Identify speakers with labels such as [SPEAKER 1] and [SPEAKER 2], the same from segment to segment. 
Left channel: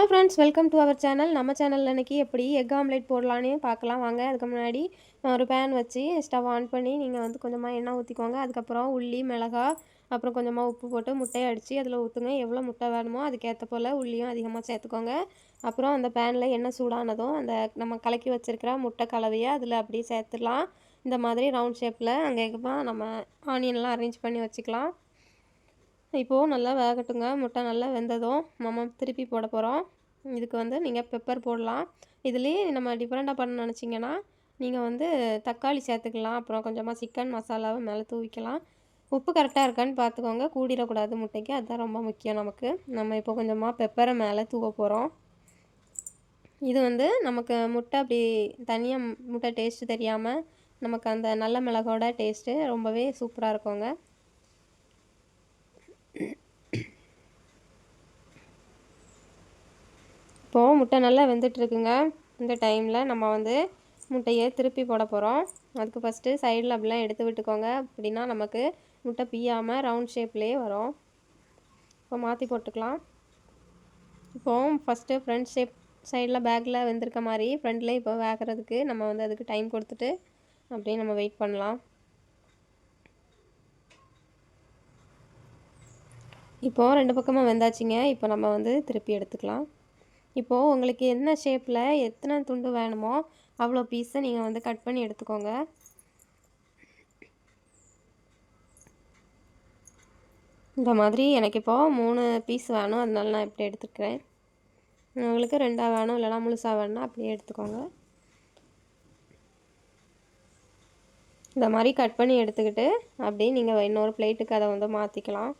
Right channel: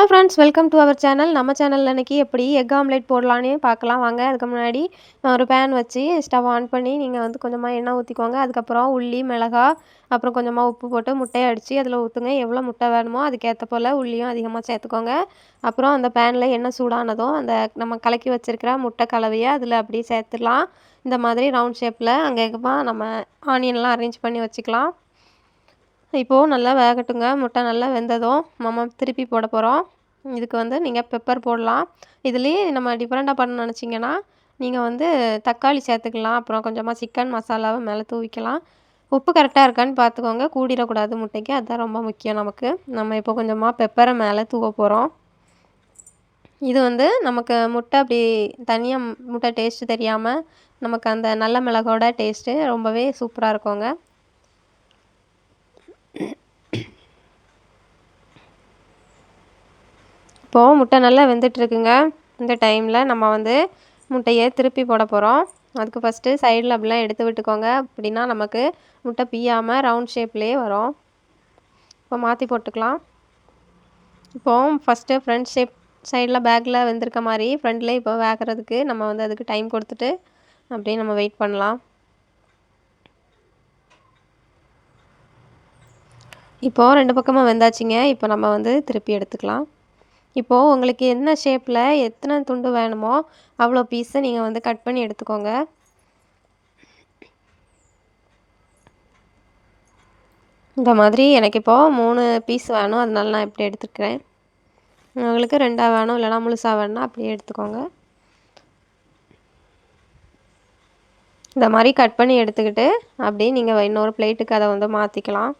[SPEAKER 1] Hello friends welcome to our channel நம்ம சேனலில் இன்றைக்கி எப்படி எக் ஆம்லேட் போடலான்னு பார்க்கலாம். வாங்க அதுக்கு முன்னாடி ஒரு பேன் வச்சு ஸ்டவ் ஆன் பண்ணி நீங்கள் வந்து கொஞ்சமாக எண்ணெய் ஊற்றிக்கோங்க அதுக்கப்புறம் உள்ளி மிளகா அப்புறம் கொஞ்சமாக உப்பு போட்டு முட்டையை அடித்து அதில் ஊற்றுங்க எவ்வளோ முட்டை வேணுமோ அதுக்கேற்ற போல் உள்ளியும் அதிகமாக சேர்த்துக்கோங்க. அப்புறம் அந்த பேனில் எண்ணெய் சூடானதும் அந்த நம்ம கலக்கி வச்சுருக்கிற முட்டை கலவையை அதில் அப்படியே சேர்த்துடலாம். இந்த மாதிரி ரவுண்ட் ஷேப்பில் அங்கே நம்ம ஆனியன்லாம் அரேஞ்ச் பண்ணி வச்சுக்கலாம். இப்போது நல்லா வேகட்டுங்க. முட்டை நல்லா வெந்ததும் நம்ம திருப்பி போட போகிறோம் இதுக்கு வந்து நீங்கள் பெப்பர் போடலாம். இதுலேயே நம்ம டிஃப்ரெண்ட்டாக பண்ண நினச்சிங்கன்னா நீங்கள் வந்து தக்காளி சேர்த்துக்கலாம். அப்புறம் கொஞ்சமாக சிக்கன் மசாலாவை மேலே தூவிக்கலாம். உப்பு கரெக்டாக இருக்கான்னு பார்த்துக்கோங்க. கூடிடக்கூடாது முட்டைக்கு. அதுதான் ரொம்ப முக்கியம் நமக்கு. நம்ம இப்போ கொஞ்சமாக பெப்பரை மேலே தூவ போகிறோம் இது வந்து நமக்கு முட்டை அப்படி தனியாக முட்டை டேஸ்ட்டு தெரியாமல் நமக்கு அந்த நல்ல மிளகோட டேஸ்ட்டு ரொம்பவே சூப்பராக இருக்குங்க. இப்போது முட்டை நல்லா வெந்துட்டுருக்குங்க. இந்த டைமில் நம்ம வந்து முட்டையை திருப்பி போட போகிறோம் அதுக்கு ஃபஸ்ட்டு சைடில் அப்படிலாம் எடுத்து விட்டுக்கோங்க. அப்படின்னா நமக்கு முட்டை பியாமல் ரவுண்ட் ஷேப்லேயே வரும். இப்போ மாற்றி போட்டுக்கலாம். இப்போது ஃபஸ்ட்டு ஃப்ரண்ட் ஷேப் சைடில் பேக்கில் வெந்திருக்க மாதிரி ஃப்ரண்ட்லேயே இப்போ வேகிறதுக்கு நம்ம வந்து அதுக்கு டைம் கொடுத்துட்டு அப்படியே நம்ம வெயிட் பண்ணலாம். இப்போது ரெண்டு பக்கமாக வெந்தாச்சுங்க. இப்போ நம்ம வந்து திருப்பி எடுத்துக்கலாம். இப்போது உங்களுக்கு என்ன ஷேப்பில் எத்தனை துண்டு வேணுமோ அவ்வளோ பீஸை நீங்கள் வந்து கட் பண்ணி எடுத்துக்கோங்க. இந்த மாதிரி எனக்கு இப்போது மூணு பீஸ் வேணும். அதனால நான் இப்படி எடுத்துக்கிறேன். உங்களுக்கு ரெண்டாக வேணும் இல்லைனா முழுசாக வேணும்னா அப்படியே எடுத்துக்கோங்க. இந்த மாதிரி கட் பண்ணி எடுத்துக்கிட்டு அப்படியே நீங்கள் இன்னொரு பிளேட்டுக்கு அதை வந்து மாற்றிக்கலாம்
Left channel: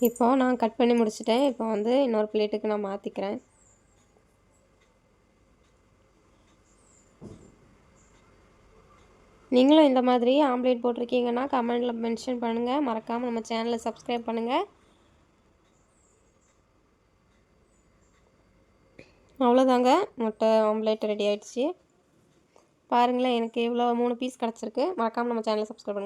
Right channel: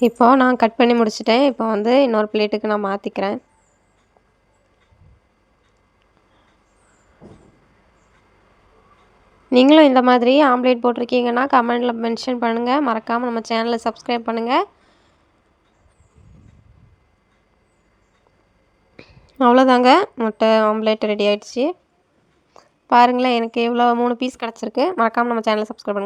[SPEAKER 1] இப்போது நான் கட் பண்ணி முடிச்சிட்டேன். இப்போ வந்து இன்னொரு பிளேட்டுக்கு நான் மாற்றிக்கிறேன் நீங்களும் இந்த மாதிரி ஆம்லேட் போட்டிருக்கீங்கன்னா கமெண்டில் மென்ஷன் பண்ணுங்கள் மறக்காமல் நம்ம சேனலை சப்ஸ்கிரைப் பண்ணுங்கள் அவ்வளோதாங்க. முட்டை ஆம்லேட் ரெடி ஆகிடுச்சு பாருங்களேன் எனக்கு எவ்வளோ மூணு பீஸ் கிடச்சிருக்கு. மறக்காமல் நம்ம சேனலை சப்ஸ்கிரைப் பண்ணுங்கள்